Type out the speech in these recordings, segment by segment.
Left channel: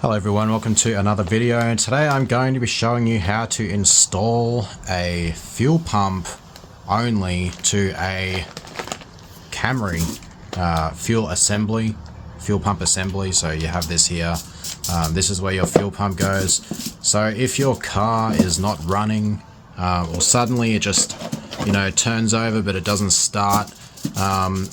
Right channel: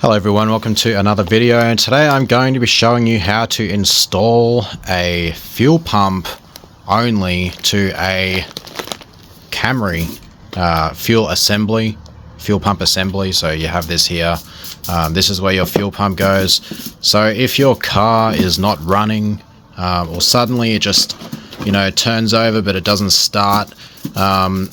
Hello everyone, welcome to another video, and today I'm going to be showing you how to install a fuel pump only to a Camry fuel pump assembly. So you have this here. This is where your fuel pump goes. So if your car is not running or suddenly it just turns over but it doesn't start, and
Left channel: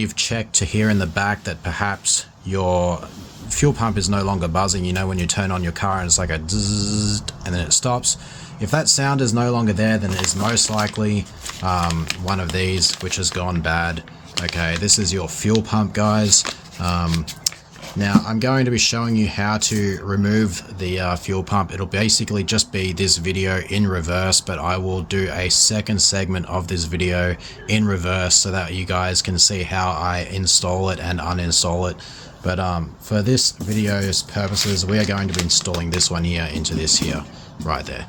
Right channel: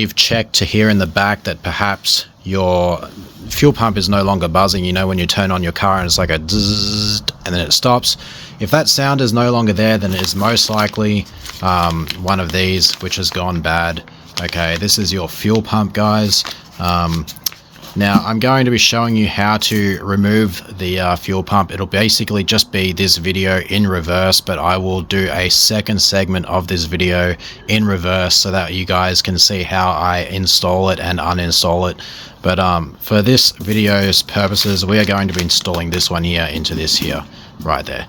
you've checked to hear in the back that perhaps your fuel pump is no longer buzzing, when you turn on your car and it's like a zzz and then it stops. If that sound is no longer there, then it is most likely one of these which has gone bad. Okay, this is your fuel pump, guys. Now I'm going to be showing you how to remove the fuel pump. It'll basically just be this video in reverse, but I will do a second segment of this video in reverse so that you guys can see how I install it and uninstall it. But for this video's purposes, we are going to be installing this one here into this here, right there.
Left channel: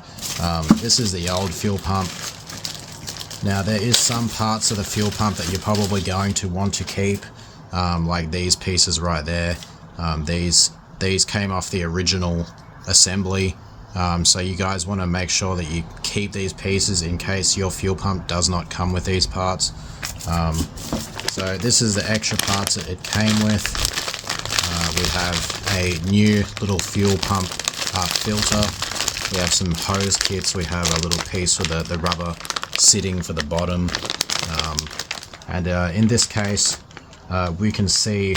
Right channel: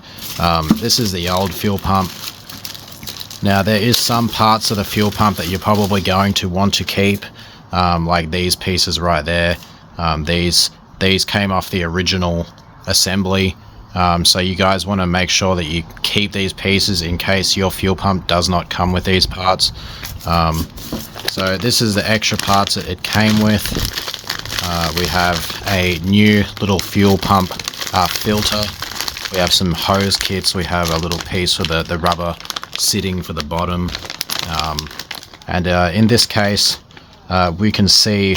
This is the old fuel pump. Now there is some parts of the fuel pump that you're probably going to want to keep, like these pieces right there. These came off the original assembly, so you guys want to make sure that you keep these pieces in case your fuel pump does not come with these parts. So this is the extra parts that it came with. We have a new little fuel pump filter. We have some hose kits. We have a little piece for the rubber sitting for the bottom. And in this case, we can see,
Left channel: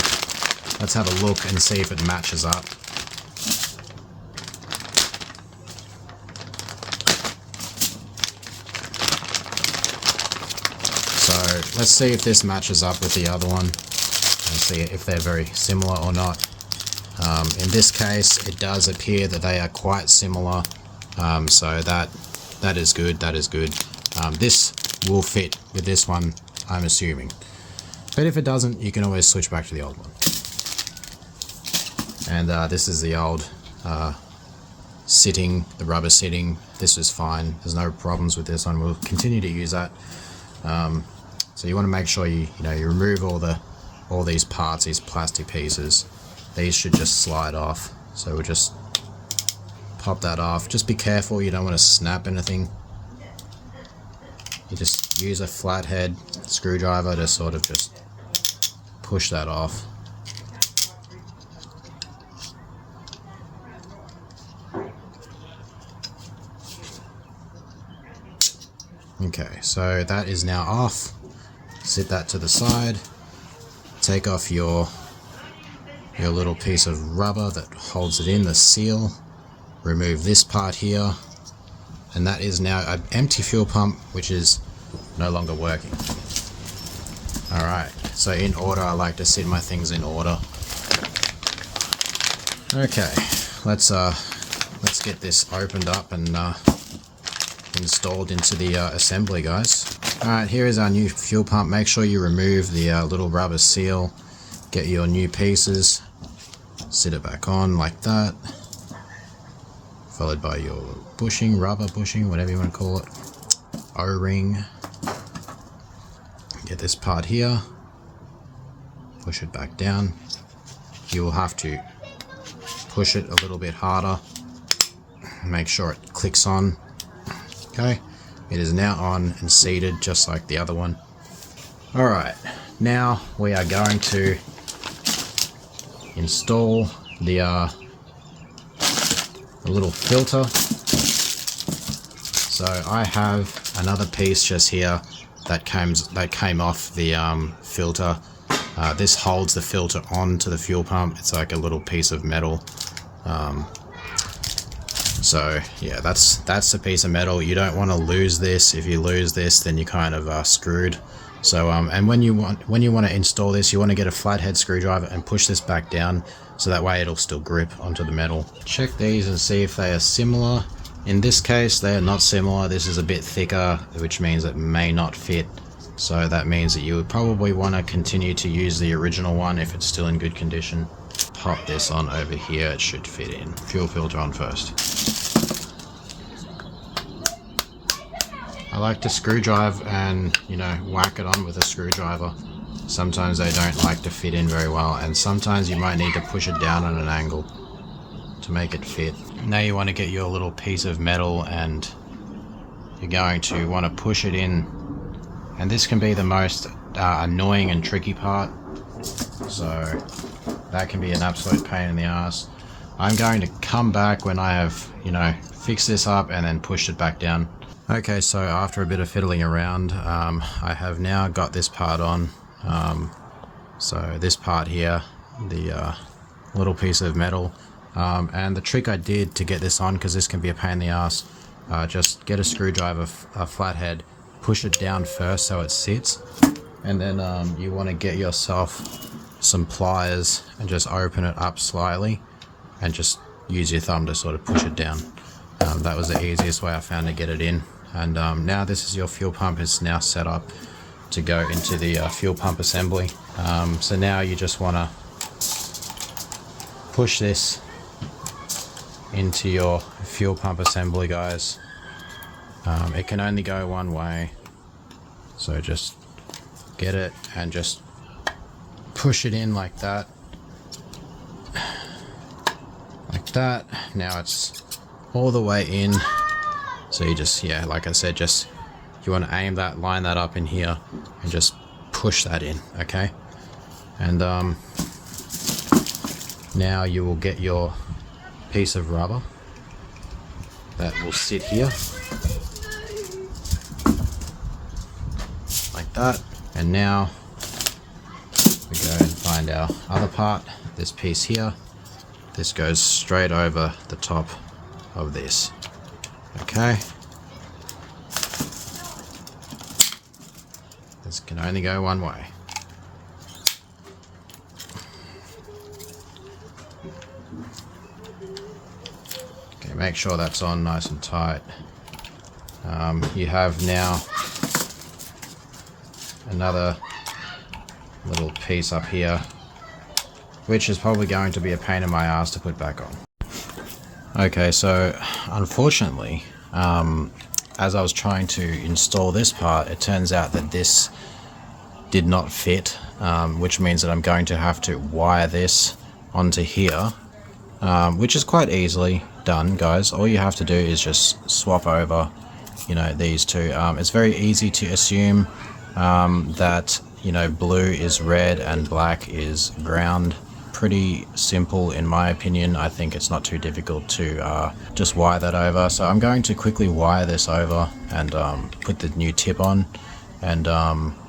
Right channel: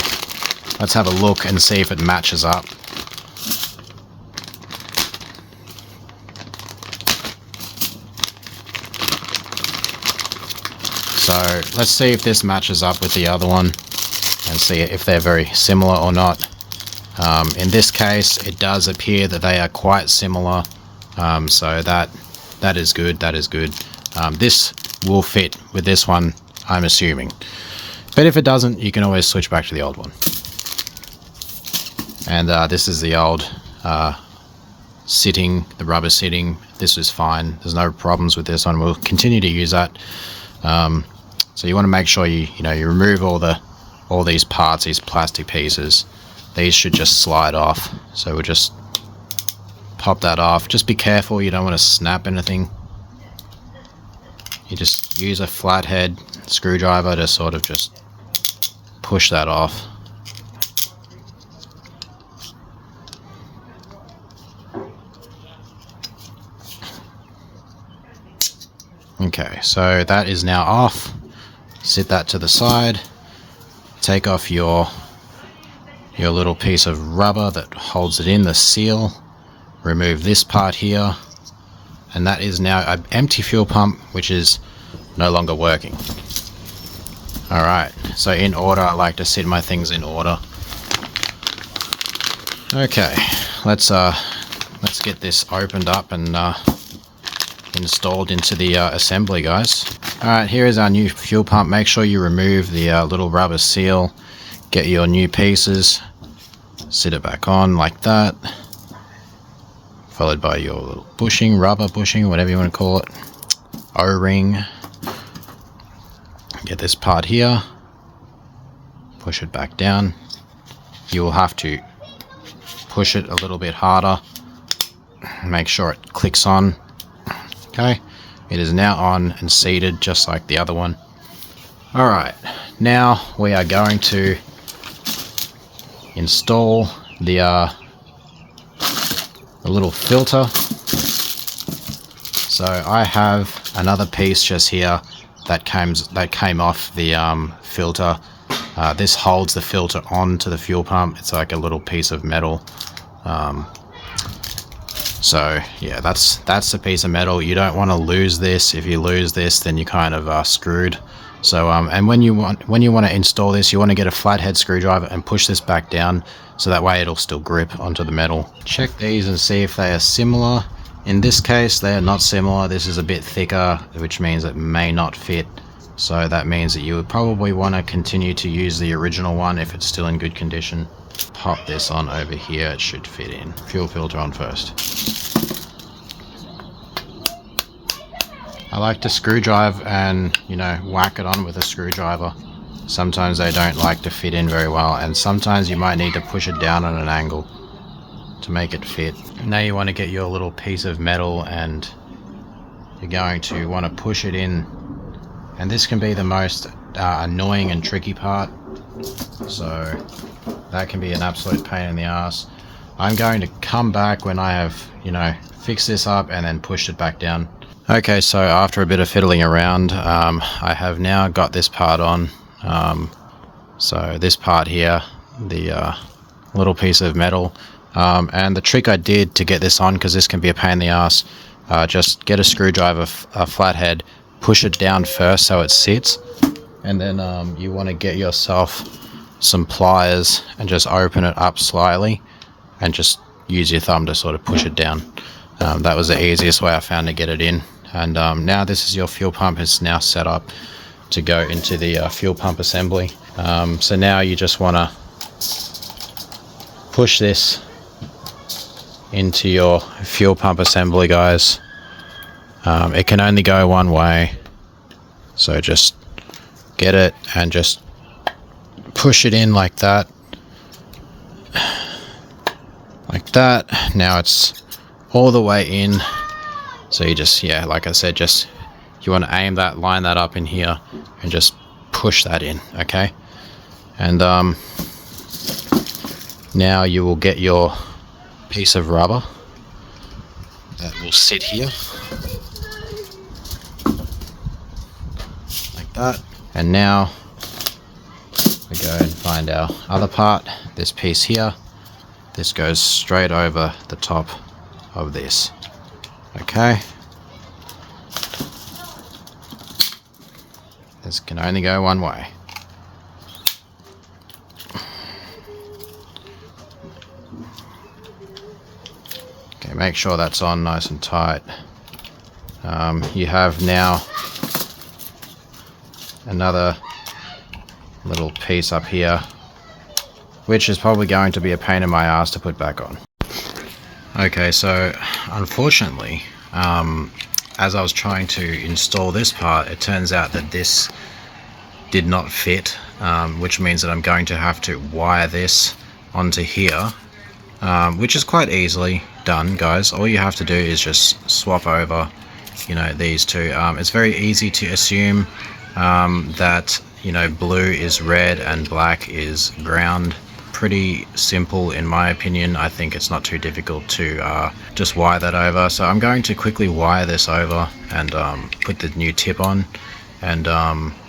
let's have a look and see if it matches up. So let's see if this matches up with the other one and see if they're very similar or not. In this case, it does appear that they are quite similar, so that is good. That is good. This will fit with this one, I'm assuming. But if it doesn't, you can always switch back to the old one. And this is the old sitting, the rubber sitting. This is fine. There's no problems with this one. We'll continue to use that. So you want to make sure you remove all these parts, these plastic pieces. These should just slide off. So we'll just pop that off. Just be careful, you don't want to snap anything. You just use a flathead screwdriver to sort of just push that off. Okay, so that is now off. Sit that to the side. Take off your little piece of rubber that holds it in, the seal. Remove this part here, and that is now an empty fuel pump which is no longer working. Alright, so in order, I like to sit my things in order. Okay, let's get this opened up and installed into the assembly, guys. Alright, here is our new fuel pump. Make sure you remove the little rubber seal. Get your new pieces. Sit it back on like that. Followed by your little bushing, rubber bushing, whatever you want to call it. O-ring. Get this part here. Push it back down. You will have to push it a little bit harder. Make sure it clicks on. Okay, it is now on and seated just like the other one. Alright, now we are going to install the little filter. So I have another piece just here that came off the filter. This holds the filter onto the fuel pump. It's like a little piece of metal. So yeah, that's the piece of metal. You don't want to lose this. If you lose this, then you kind of screwed. So and when you want to install this, you want to get a flathead screwdriver and push this back down, so that way it'll still grip onto the metal. Check these and see if they are similar. In this case, they are not similar. This is a bit thicker, which means it may not fit. So that means that you would probably want to continue to use the original one if it's still in good condition. Pop this on over here, it should fit in. Fuel filter on first. I like to screw drive and, whack it on with a screwdriver. Sometimes they don't like to fit in very well, and sometimes you might need to push it down at an angle. to make it fit. Now you want to get your little piece of metal and you're going to want to push it in, and this can be the most annoying and tricky part, so that can be an absolute pain in the ass. I'm going to come back when I have, you know, fixed this up and then pushed it back down. Okay, so after a bit of fiddling around, I have now got this part on. So this part here, the little piece of metal, and the trick I did to get this on, because this can be a pain in the ass, just get a screwdriver, a flathead, push it down first so it sits, and then you want to get yourself some pliers and just open it up slightly and just use your thumb to sort of push it down. That was the easiest way I found to get it in. And now this is your fuel pump. It's now set up to go into the fuel pump assembly. So now you just want to push this into your fuel pump assembly, guys. It can only go one way, so just get it and just push it in like that. Like that. Now it's all the way in. So you just, yeah, like I said, just you want to aim that, line that up in here and just push that in, okay? And now you will get your piece of rubber that will sit here like that. And now we go and find our other part, this piece here. This goes straight over the top of this. Okay. This can only go one way. Okay, make sure that's on nice and tight. You have now another little piece up here, which is probably going to be a pain in my ass to put back on. Okay, so unfortunately, as I was trying to install this part, it turns out that this did not fit, which means that I'm going to have to wire this onto here, which is quite easily done, guys. All you have to do is just swap over, you know, these two. It's very easy to assume that, you know, blue is red and black is ground. Pretty simple in my opinion. I think it's not too difficult to just wire that over. So I'm going to quickly wire this over and put the new tip on and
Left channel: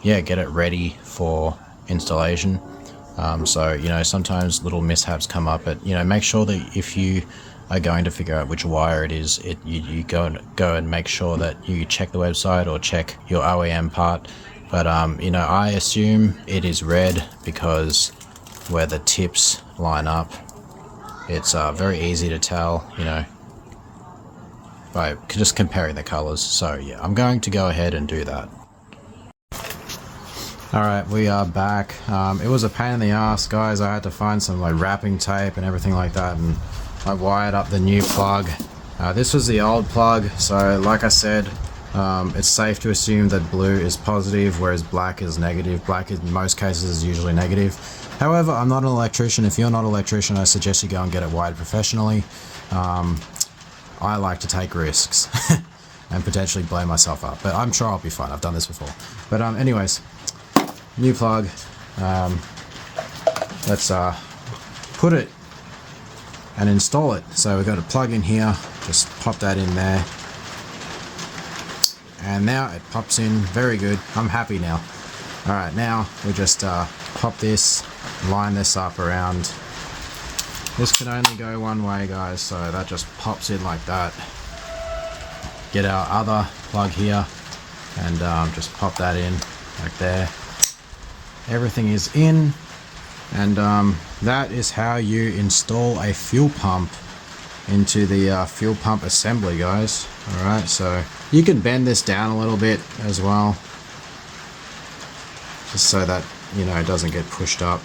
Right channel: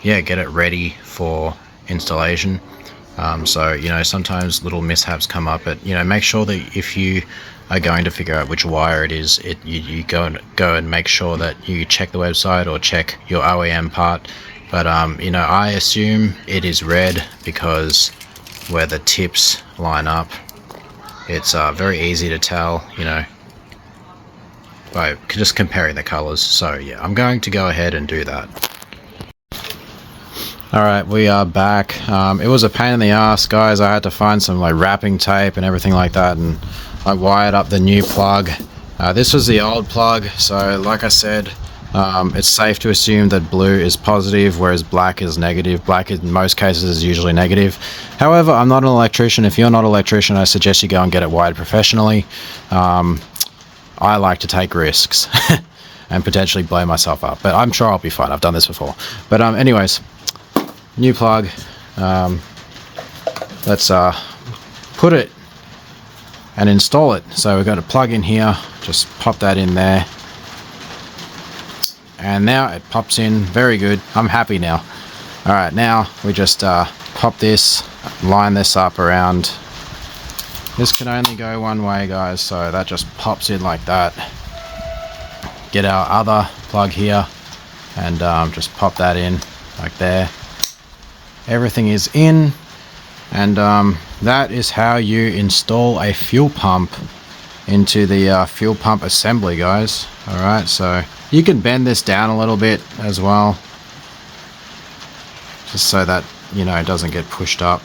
yeah, get it ready for installation. So, you know, sometimes little mishaps come up, but, you know, make sure that if you are going to figure out which wire it is, you go and make sure that you check the website or check your OEM part. But you know, I assume it is red because where the tips line up, it's very easy to tell, you know, by just comparing the colors. So yeah, I'm going to go ahead and do that. Alright, we are back. It was a pain in the ass, guys. I had to find some like wrapping tape and everything like that, and I wired up the new plug. This was the old plug, so like I said, it's safe to assume that blue is positive, whereas black is negative. Black in most cases is usually negative. However, I'm not an electrician. If you're not an electrician, I suggest you go and get it wired professionally. I like to take risks and potentially blow myself up, but I'm sure I'll be fine. I've done this before. But anyways, new plug. Let's put it and install it. So we've got a plug in here. Just pop that in there. And now it pops in. Very good. I'm happy now. All right, now we just pop this, line this up around. This can only go one way, guys, so that just pops in like that. Get our other plug here and just pop that in like there. Everything is in, and that is how you install a fuel pump into the fuel pump assembly, guys. All right, so you can bend this down a little bit as well, just so that, you know, it doesn't get pushed up.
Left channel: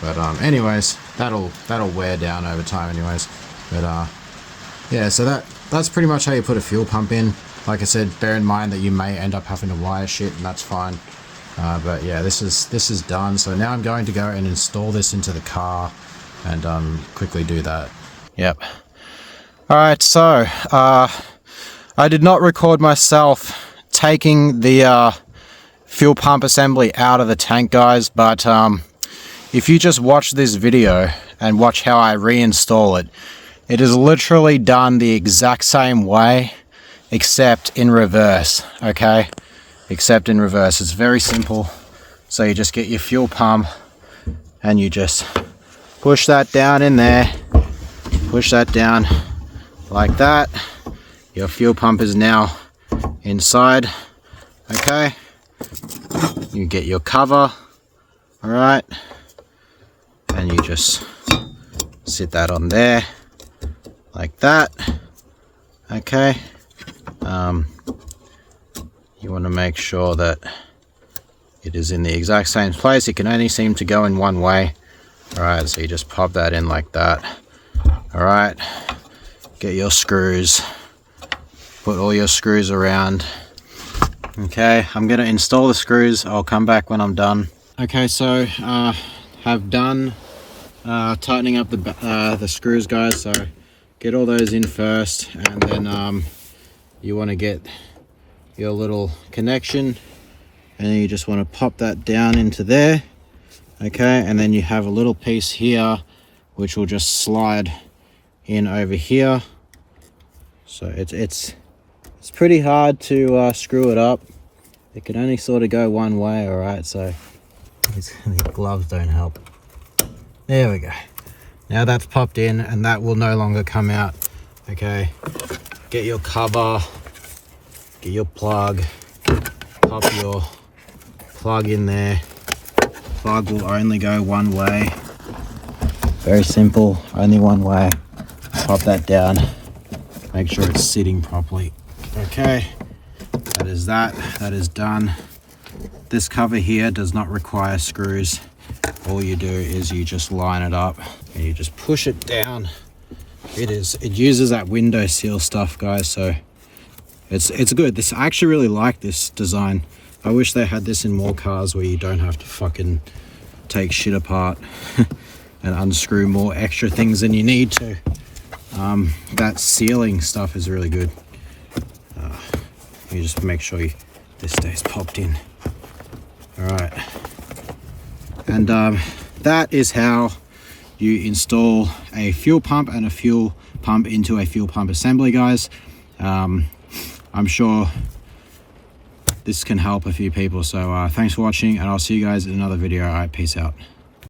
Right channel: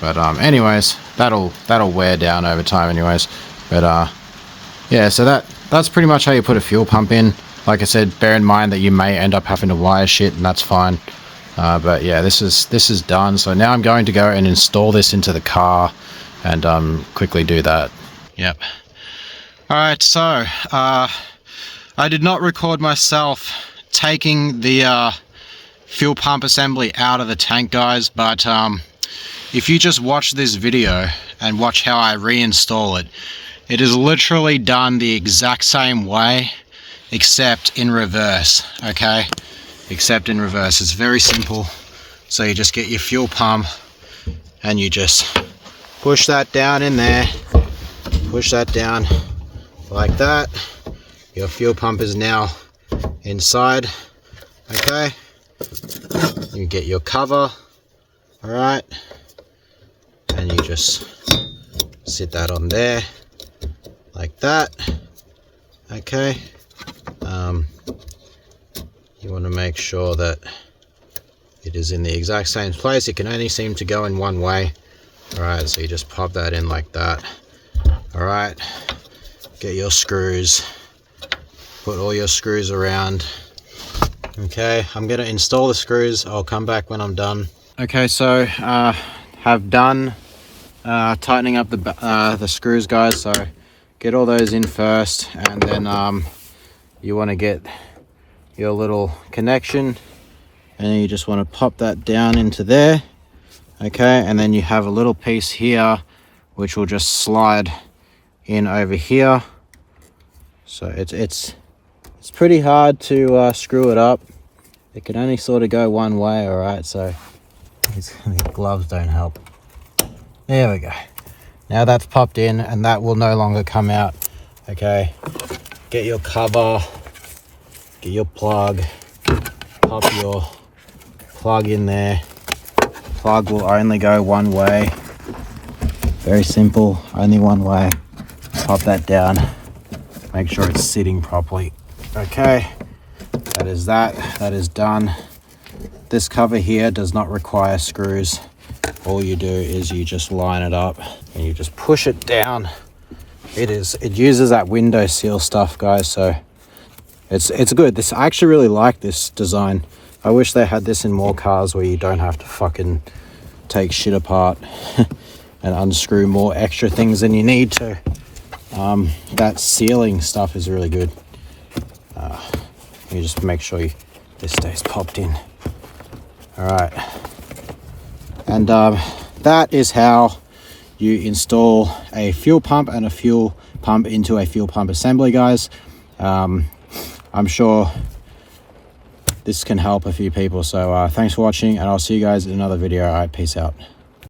But anyways, that'll wear down over time anyways. But yeah, so that's pretty much how you put a fuel pump in. Like I said, bear in mind that you may end up having to wire shit, and that's fine. But yeah, this is done. So now I'm going to go and install this into the car and quickly do that. Yep. Alright, so I did not record myself taking the fuel pump assembly out of the tank, guys, but if you just watch this video and watch how I reinstall it, it is literally done the exact same way, except in reverse, okay? Except in reverse. It's very simple. So you just get your fuel pump and you just push that down in there, push that down like that. Your fuel pump is now inside, okay? You get your cover, all right? And you just sit that on there like that, okay? You want to make sure that it is in the exact same place. It can only seem to go in one way. All right, so you just pop that in like that. All right, get your screws, put all your screws around. Okay, I'm gonna install the screws. I'll come back when I'm done. Okay, so have done tightening up the screws, guys. So get all those in first, and then you want to get your little connection, and then you just want to pop that down into there, okay? And then you have a little piece here which will just slide in over here. So it's pretty hard to screw it up. It can only sort of go one way. All right, so these gloves don't help. There we go. Now that's popped in, and that will no longer come out. Okay, get your cover, get your plug, pop your plug in there. Plug will only go one way. Very simple, only one way. Pop that down, make sure it's sitting properly. Okay, that is done. This cover here does not require screws. All you do is you just line it up and you just push it down. It uses that window seal stuff, guys, so it's good. I actually really like this design. I wish they had this in more cars where you don't have to fucking take shit apart and unscrew more extra things than you need to. That sealing stuff is really good. You just make sure this stays popped in. All right, and that is how you install a fuel pump and a fuel pump into a fuel pump assembly, guys. I'm sure this can help a few people. So thanks for watching, and I'll see you guys in another video. All right, peace out.